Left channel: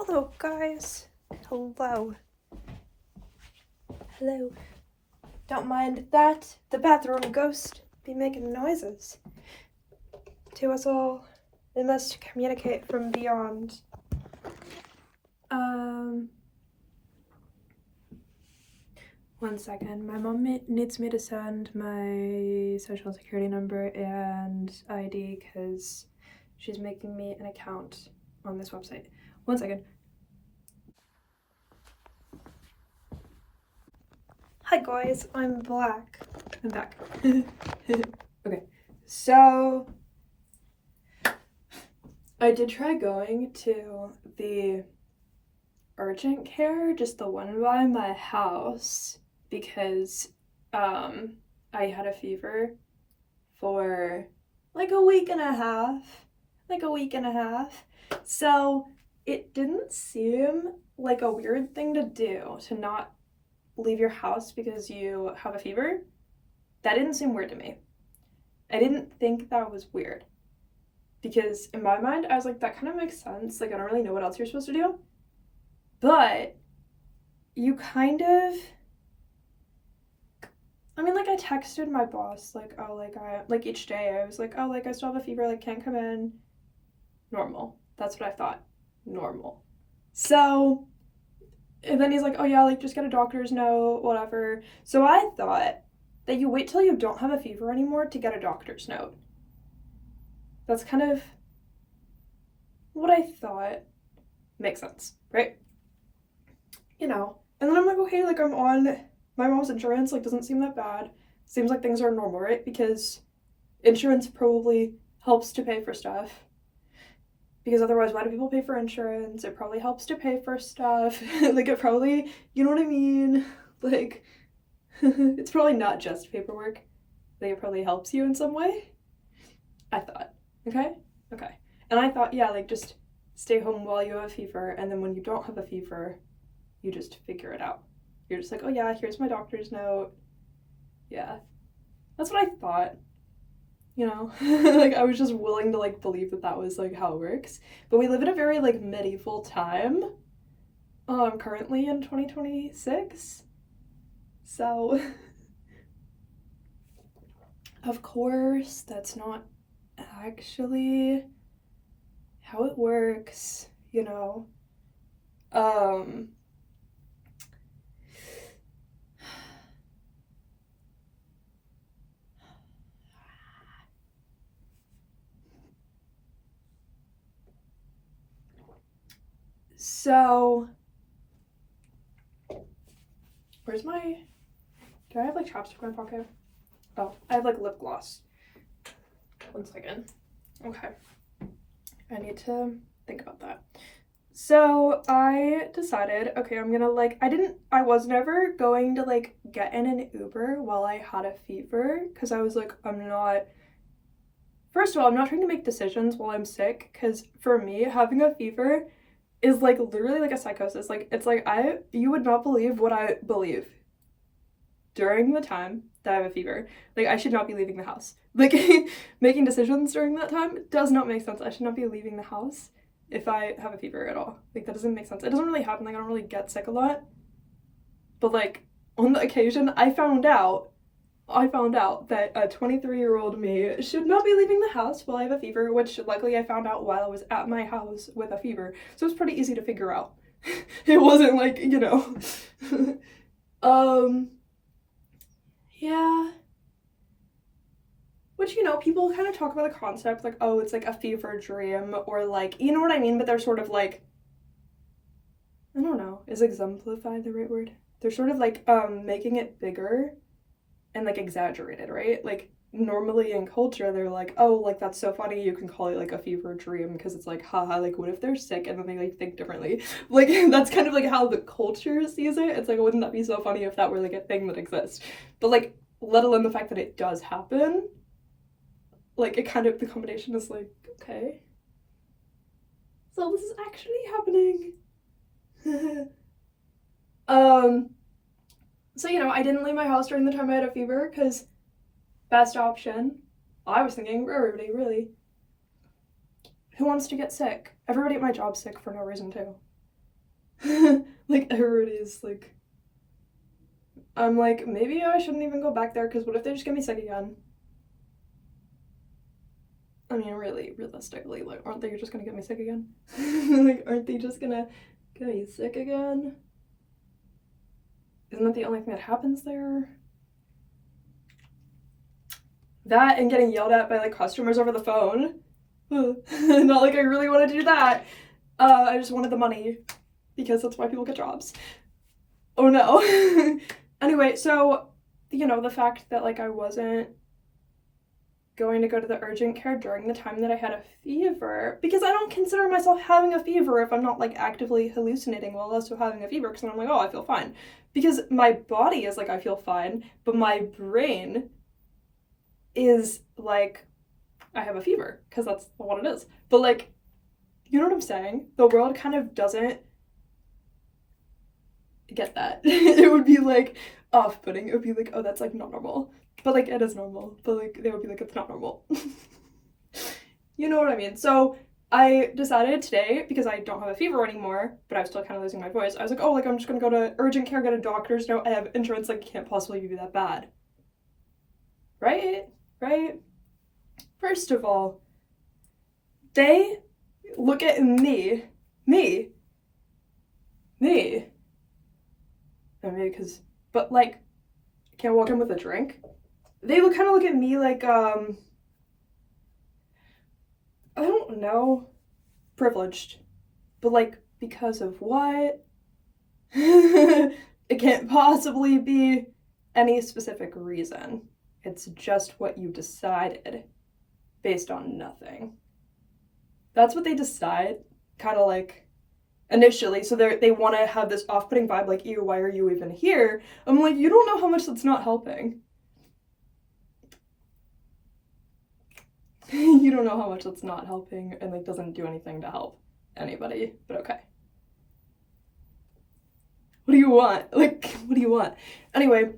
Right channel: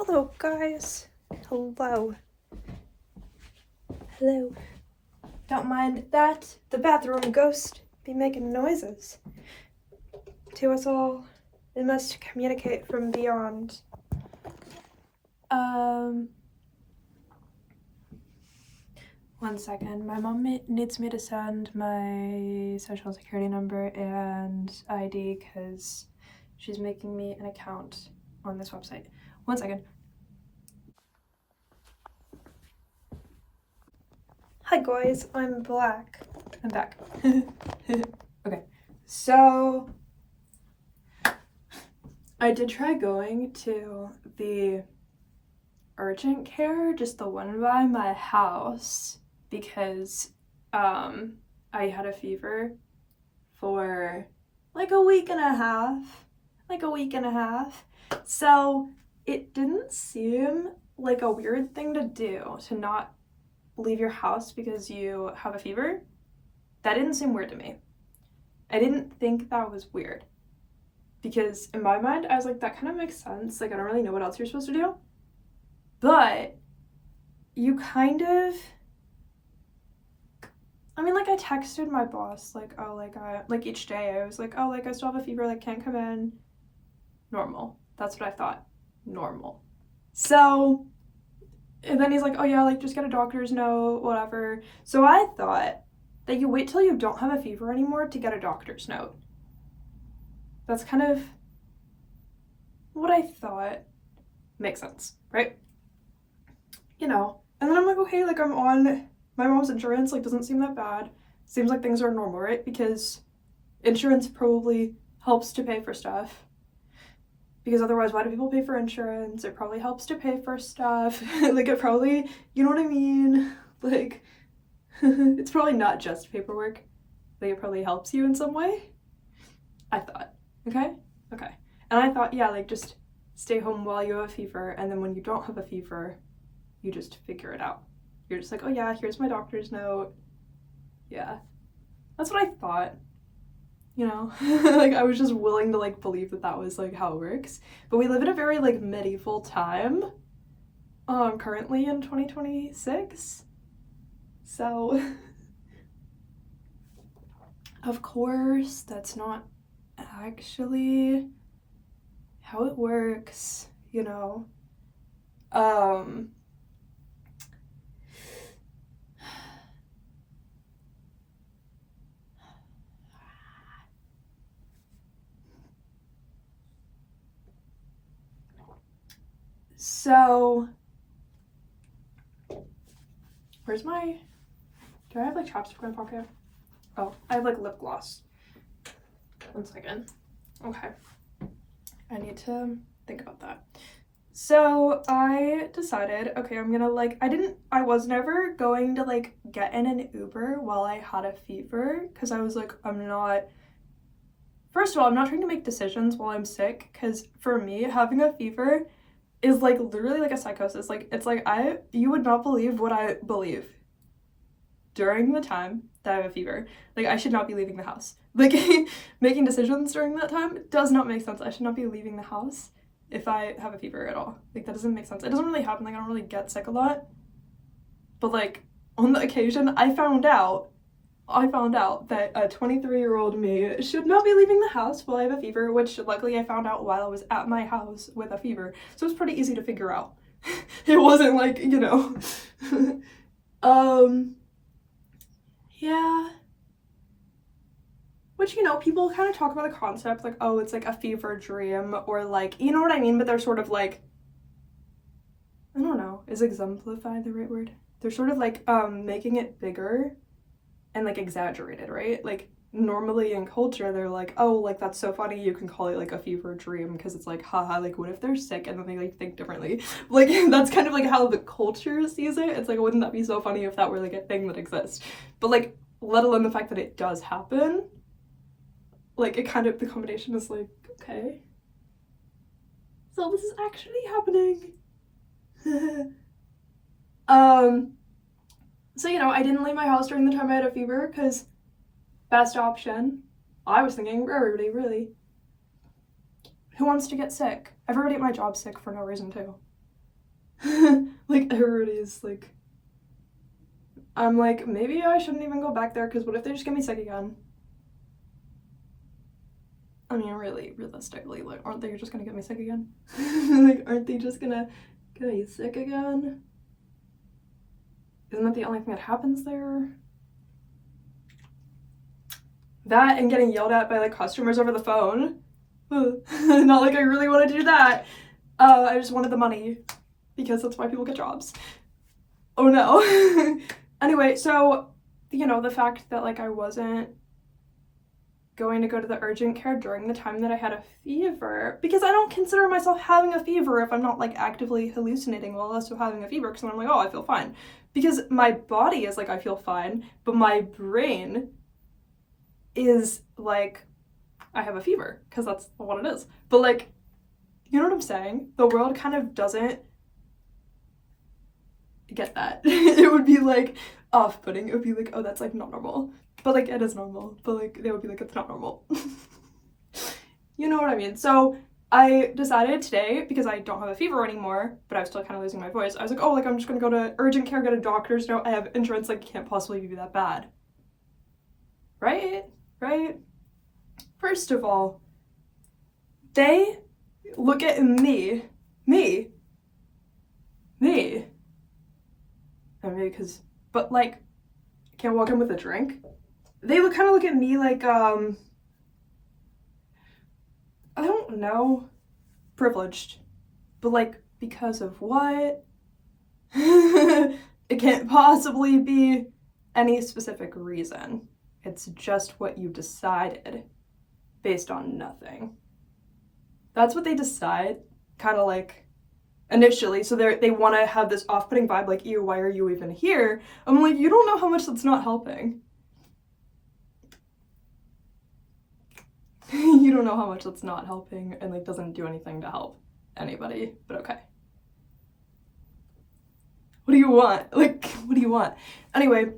Hello, guys. Hello. Hello. Don't mind that. The bathroom ghost be making noises. To us all, it must communicate from beyond. One second. My mom needs me to send my social security number and ID because she's making me an account on this website. One second. Hi guys, I'm back. Okay, so I did try going to the urgent care, just the one by my house, because I had a fever for like a week and a half. So it didn't seem like a weird thing to do to not leave your house because you have a fever. That didn't seem weird to me. I didn't think that was weird because in my mind I was like, that kind of makes sense. Like, I don't really know what else you're supposed to do. But you kind of, I mean, like, I texted my boss, like, oh, like each day I was like, oh, like, I still have a fever, like, can't come in. Normal. That's what I thought. Normal. So, and then he's like, oh yeah, like, just get a doctor's note, whatever. So I thought that you wait till you don't have a fever anymore to get a doctor's note. That's kind of what I thought. Makes sense, right? You know. And then I'm like, okay, like, I'm on my mom's insurance, like, doesn't seem that bad. Seems like things are normal, right? Because insurance probably helps to pay for stuff. Because otherwise, why do people pay for insurance? It probably helps to pay for stuff. Like, it probably, you know what I mean? Like, it's probably not just paperwork. Like, it probably helps you in some way. I thought. Okay? And I thought, yeah, like, just stay home while you have a fever, and then when you don't have a fever, you just figure it out. You're just like, oh yeah, here's my doctor's note. Yeah. That's what I thought. You know? Like, I was just willing to, like, believe that that was, like, how it works. But we live in a very, like, medieval time. Currently in 2026. So, of course, that's not actually how it works, you know? So, where's my, do I have, like, chapstick in my pocket? Oh, I have, like, lip gloss. One second. Okay. I need to think about that. So I decided, okay, I'm gonna, like, I was never going to, like, get in an Uber while I had a fever, because I was like, first of all, I'm not trying to make decisions while I'm sick, because for me, having a fever is, like, literally like a psychosis. Like, it's like, you would not believe what I believe during the time that I have a fever. Like, I should not be leaving the house. Like, making decisions during that time does not make sense. I should not be leaving the house if I have a fever at all. Like, that doesn't make sense. It doesn't really happen. Like, I don't really get sick a lot. But, like, on the occasion, I found out that a 23-year-old me should not be leaving the house while I have a fever, which luckily I found out while I was at my house with a fever. So it was pretty easy to figure out. It wasn't like, you know. Yeah. Which, you know, people kind of talk about the concept, like, oh, it's like a fever dream, or like, you know what I mean? But they're sort of like, I don't know, is exemplify the right word? They're sort of like making it bigger and like exaggerated, right? Like, normally in culture, they're like, oh, like, that's so funny, you can call it like a fever dream, because it's like, haha, like, what if they're sick and then they like think differently? Like, that's kind of like how the culture sees it. It's like, wouldn't that be so funny if that were like a thing that exists? But like, let alone the fact that it does happen, like, it kind of, the combination is like, okay, so this is actually happening. So, you know, I didn't leave my house during the time I had a fever, because best option, I was thinking, for everybody, really. Who wants to get sick? Everybody at my job's sick for no reason, too. Like, everybody's like, I'm like, maybe I shouldn't even go back there, because what if they just get me sick again? I mean, really, realistically, like, aren't they just gonna get me sick again? Like, aren't they just gonna get me sick again? Isn't that the only thing that happens there? That and getting yelled at by like customers over the phone. Not like I really wanted to do that. I just wanted the money, because that's why people get jobs. Oh no. Anyway, so, you know, the fact that like I wasn't going to go to the urgent care during the time that I had a fever, because I don't consider myself having a fever if I'm not like actively hallucinating while also having a fever, because I'm like, oh, I feel fine. Because my body is like, I feel fine, but my brain is like, I have a fever, because that's what it is. But like, you know what I'm saying? The world kind of doesn't get that. It would be like off-putting. It would be like, oh, that's like not normal. But like, it is normal. But like, they would be like, it's not normal. You know what I mean? So I decided today, because I don't have a fever anymore, but I was still kind of losing my voice, I was like, oh, like I'm just gonna go to urgent care, get a doctor's note. I have insurance, like it can't possibly be that bad. Right? Right? First of all, they look at me, I mean, because, but like, I can't walk in with a drink. They kind of look at me like, I don't know, privileged, but like, because of what? It can't possibly be any specific reason. It's just what you decided based on nothing. That's what they decide, kind of like, initially. So they want to have this off-putting vibe, like, ew, why are you even here? I'm like, you don't know how much that's not helping. You don't know how much that's not helping, and like doesn't do anything to help anybody, but okay. What do you want? Like, what do you want? Anyway,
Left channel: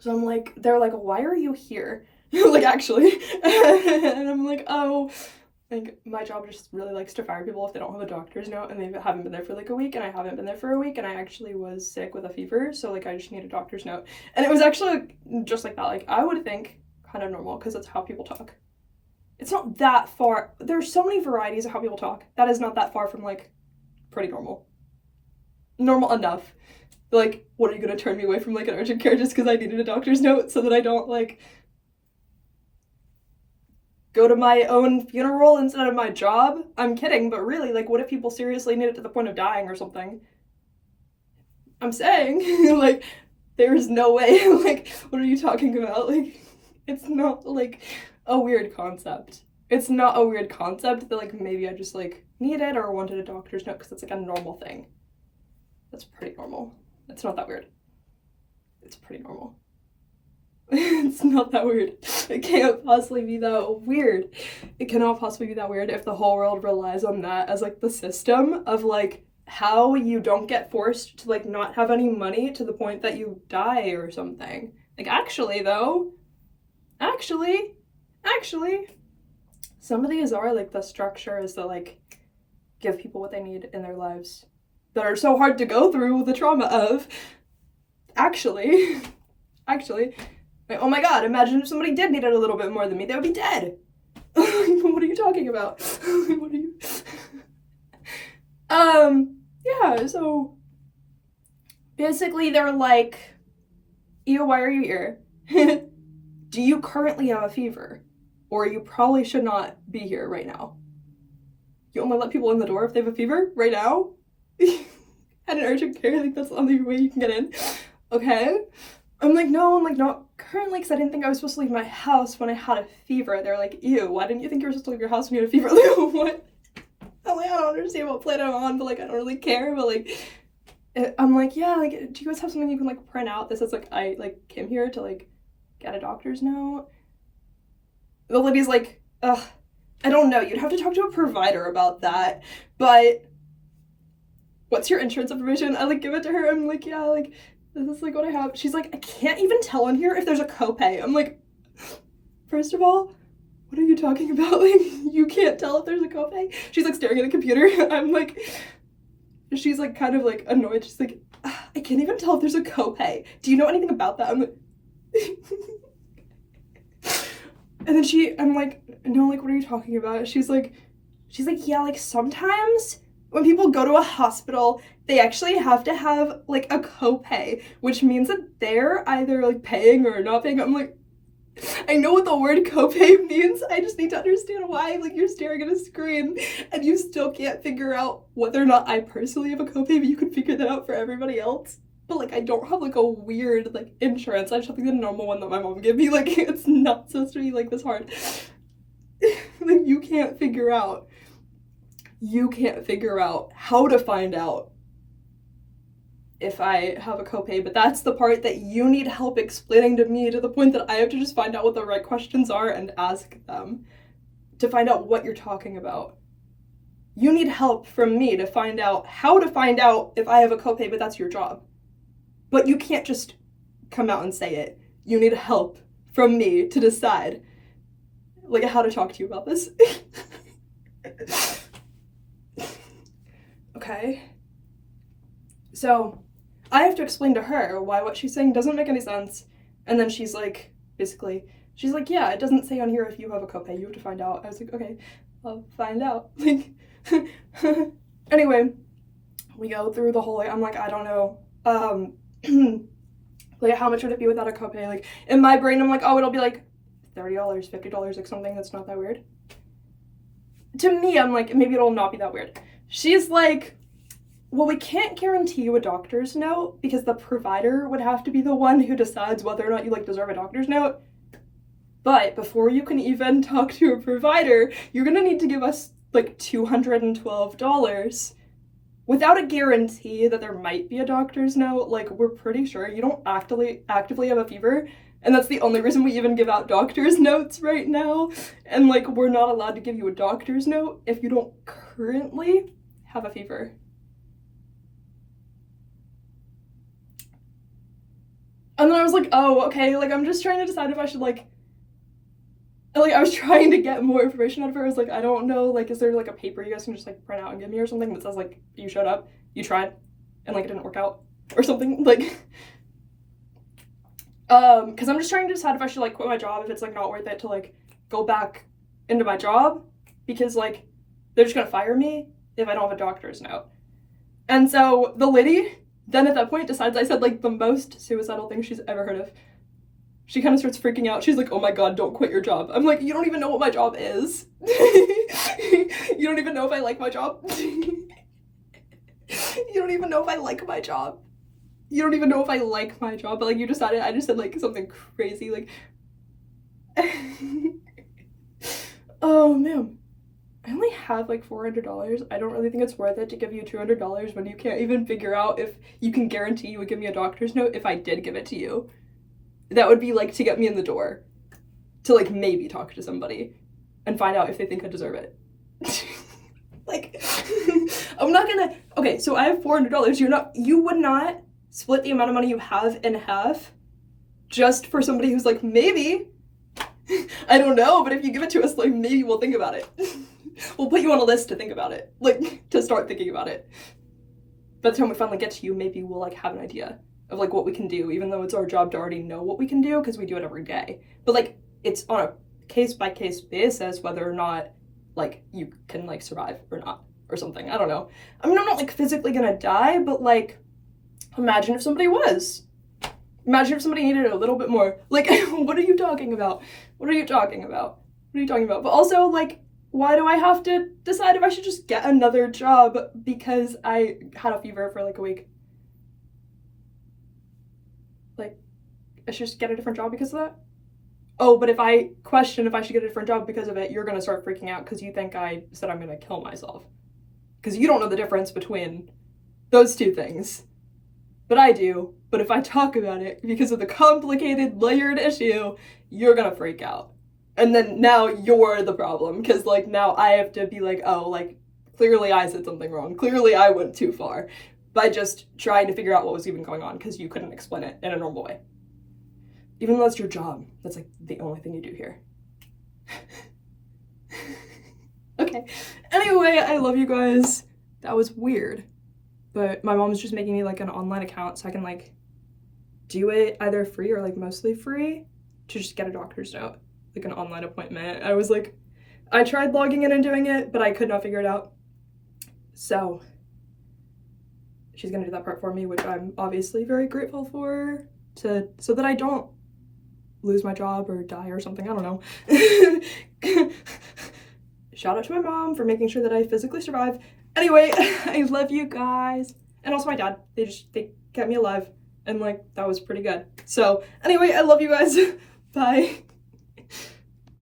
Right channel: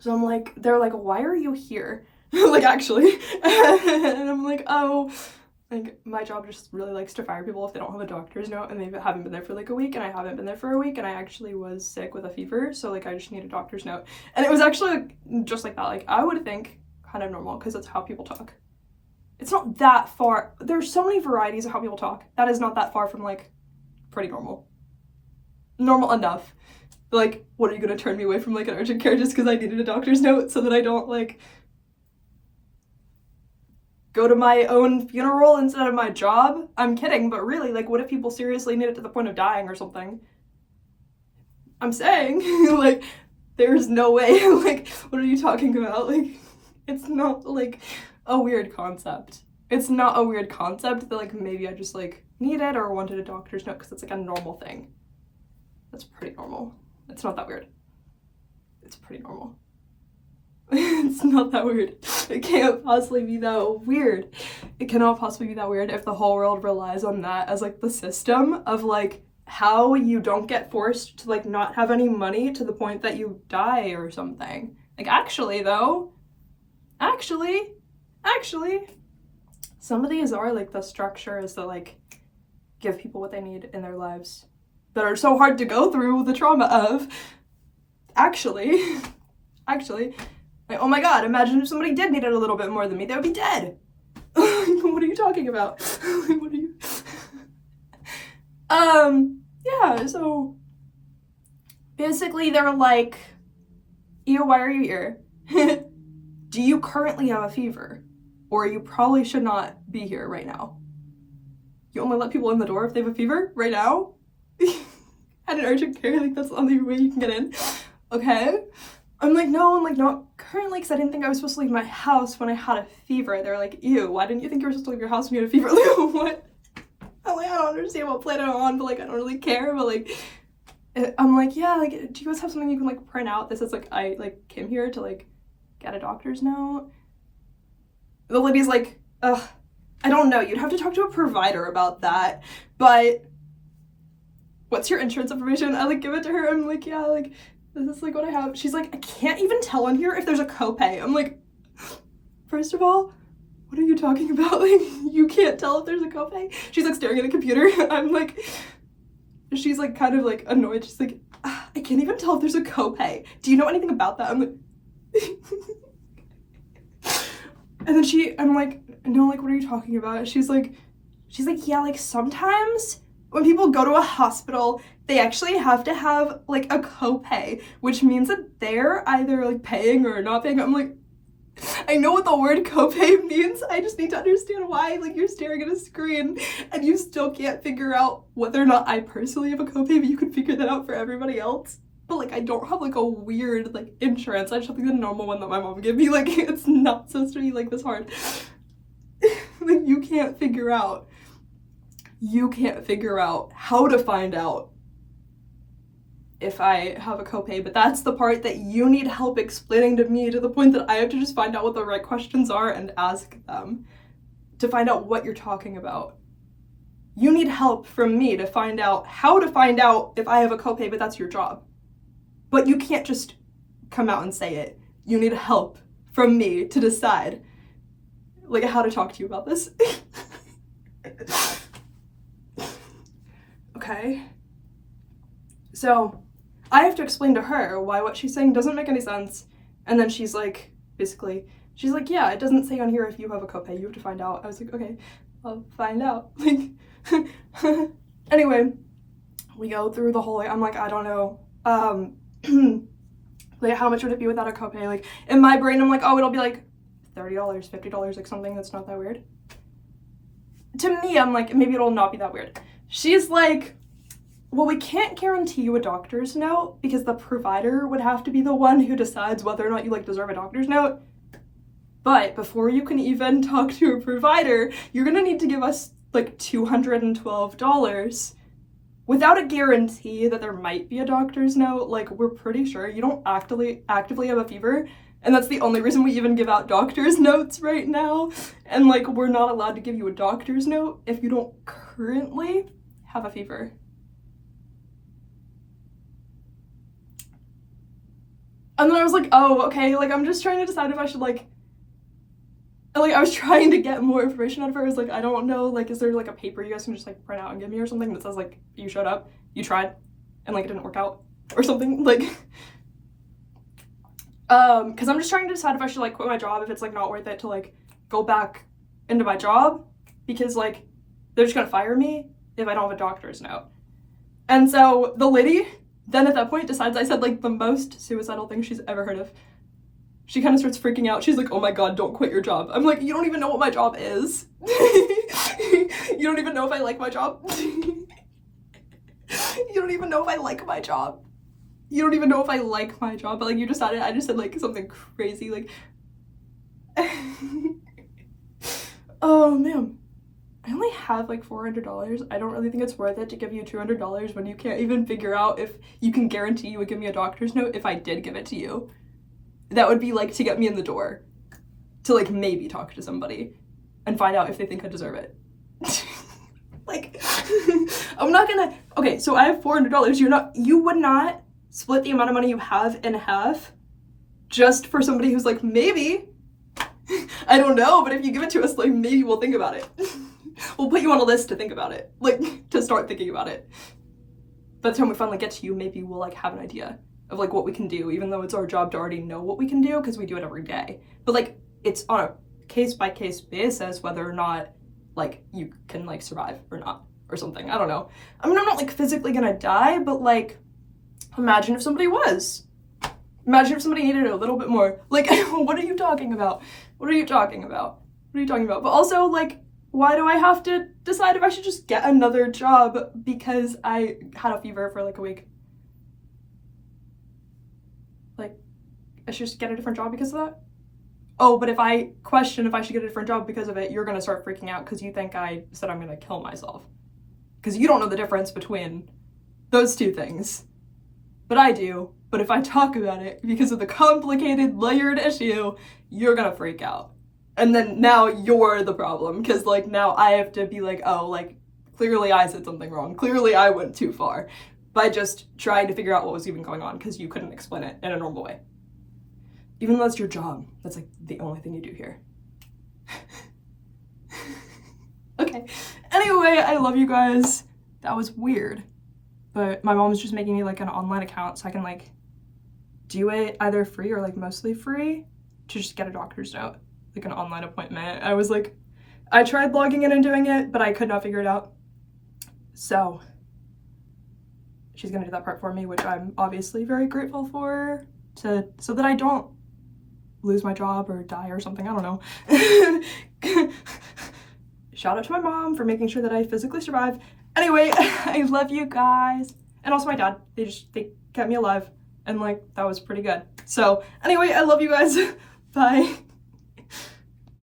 so I'm like, they're like, why are you here? Like, actually. And I'm like, oh, like, my job just really likes to fire people if they don't have a doctor's note, and they haven't been there for like a week, and I haven't been there for a week, and I actually was sick with a fever, so like I just need a doctor's note. And it was actually like, just like that. Like, I would think kind of normal, because it's how people talk. It's not that far. There's so many varieties of how people talk. That is not that far from like pretty normal. Normal enough. Like, what are you gonna turn me away from like an urgent care just because I needed a doctor's note so that I don't like go to my own funeral instead of my job? I'm kidding, but really, like, what if people seriously need it to the point of dying or something? I'm saying, like, there's no way. Like, what are you talking about? Like, it's not like a weird concept. It's not a weird concept that like maybe I just like needed or wanted a doctor's note, because it's like a normal thing. That's pretty normal. It's not that weird. It's pretty normal. It's not that weird. It can't possibly be that weird. It cannot possibly be that weird if the whole world relies on that as like the system of like how you don't get forced to like not have any money to the point that you die or something. Like, actually though, actually, some of these are like the structures that like give people what they need in their lives that are so hard to go through the trauma of. Actually, like, oh my god, imagine if somebody did need it a little bit more than me, they would be dead. What are you talking about? What are you? Yeah, so basically they're like, ew, why are you here? Do you currently have a fever? Or you probably should not be here right now. You only let people in the door if they have a fever right now? At an urgent care, like that's the only way you can get in. Okay? I'm like, no, I'm like, not currently, because I didn't think I was supposed to leave my house when I had a fever. They're like, ew, why didn't you think you were supposed to leave your house when you had a fever? Like, what? I'm like, I don't understand what planet I'm on, but like, I don't really care, but like, I'm like, yeah, like, do you guys have something you can like print out that says like, I like came here to like get a doctor's note? The lady's like, ugh, I don't know, you'd have to talk to a provider about that, but what's your insurance information? I like give it to her, I'm like, yeah, like, this is like what I have. She's like, I can't even tell in here if there's a copay. I'm like, first of all, what are you talking about? Like, you can't tell if there's a copay? She's like staring at a computer. I'm like, she's like kind of like annoyed. She's like, I can't even tell if there's a copay. Do you know anything about that? I'm like, and then I'm like, no, like, what are you talking about? She's like, yeah, like sometimes when people go to a hospital, they actually have to have like a copay, which means that they're either like paying or not paying. I'm like, I know what the word copay means. I just need to understand why, like, you're staring at a screen and you still can't figure out whether or not I personally have a copay, but you can figure that out for everybody else. But like, I don't have like a weird like insurance. I just have like the normal one that my mom gave me. Like, it's not supposed to be like this hard. Like, you can't figure out how to find out if I have a copay, but that's the part that you need help explaining to me, to the point that I have to just find out what the right questions are and ask them to find out what you're talking about. You need help from me to find out how to find out if I have a copay, but that's your job. But you can't just come out and say it. You need help from me to decide like how to talk to you about this. Okay. So I have to explain to her why what she's saying doesn't make any sense. And then she's like, yeah, it doesn't say on here if you have a copay, you have to find out. I was like, okay, I'll find out. Like, anyway, we go through the whole, like, I'm like, I don't know. Like, how much would it be without a copay? Like, in my brain, I'm like, oh, it'll be like $30, $50, like something that's not that weird. To me, I'm like, maybe it'll not be that weird. She's like, well, we can't guarantee you a doctor's note because the provider would have to be the one who decides whether or not you like deserve a doctor's note. But before you can even talk to a provider, you're gonna need to give us like $212 without a guarantee that there might be a doctor's note. Like, we're pretty sure you don't actively have a fever, and that's the only reason we even give out doctor's notes right now. And like, we're not allowed to give you a doctor's note if you don't currently have a fever. And then I was like, oh, okay, like, I'm just trying to decide if I should, like, I was trying to get more information out of her. I was like, I don't know, like, is there, like, a paper you guys can just, like, print out and give me or something that says, like, you showed up, you tried, and, like, it didn't work out, or something, like, because I'm just trying to decide if I should, like, quit my job, if it's, like, not worth it to, like, go back into my job, because, like, they're just gonna fire me if I don't have a doctor's note. And so the lady then at that point decides I said like the most suicidal thing she's ever heard of. She kind of starts freaking out. She's like, oh my god, don't quit your job. I'm like, you don't even know what my job is. You don't even know if I like my job. You don't even know if I like my job. You don't even know if I like my job, but like you decided, I just said like something crazy, like, oh man. I only have like $400. I don't really think it's worth it to give you $200 when you can't even figure out if you can guarantee you would give me a doctor's note if I did give it to you. That would be like to get me in the door to like maybe talk to somebody and find out if they think I deserve it. Like, I'm not gonna, okay, so I have $400. You would not split the amount of money you have in half just for somebody who's like, maybe, I don't know, but if you give it to us, like, maybe we'll think about it. We'll put you on a list to think about it, like, to start thinking about it. By the time we finally get to you, maybe we'll, like, have an idea of, like, what we can do, even though it's our job to already know what we can do, because we do it every day. But, like, it's on a case-by-case basis whether or not, like, you can, like, survive or not, or something. I don't know. I mean, I'm not, like, physically gonna die, but, like, imagine if somebody was. Imagine if somebody needed a little bit more. Like, what are you talking about? What are you talking about? What are you talking about? But also, like, why do I have to decide if I should just get another job because I had a fever for like a week? Like, I should just get a different job because of that? Oh, but if I question if I should get a different job because of it, you're gonna start freaking out because you think I said I'm gonna kill myself. Because you don't know the difference between those two things. But I do. But if I talk about it because of the complicated, layered issue, you're gonna freak out. And then now you're the problem, because like now I have to be like, oh, like clearly I said something wrong. Clearly I went too far by just trying to figure out what was even going on because you couldn't explain it in a normal way. Even though that's your job, that's like the only thing you do here. Okay. Anyway, I love you guys. That was weird. but my mom's just making me like an online account so I can like do it either free or like mostly free to just get a doctor's note, like an online appointment. I tried logging in and doing it, but I could not figure it out. So she's gonna do that part for me, which I'm obviously very grateful for, so that I don't lose my job or die or something. I don't know. Shout out to my mom for making sure that I physically survive. Anyway, I love you guys. And also my dad. They kept me alive. And like, that was pretty good. So anyway, I love you guys. Bye.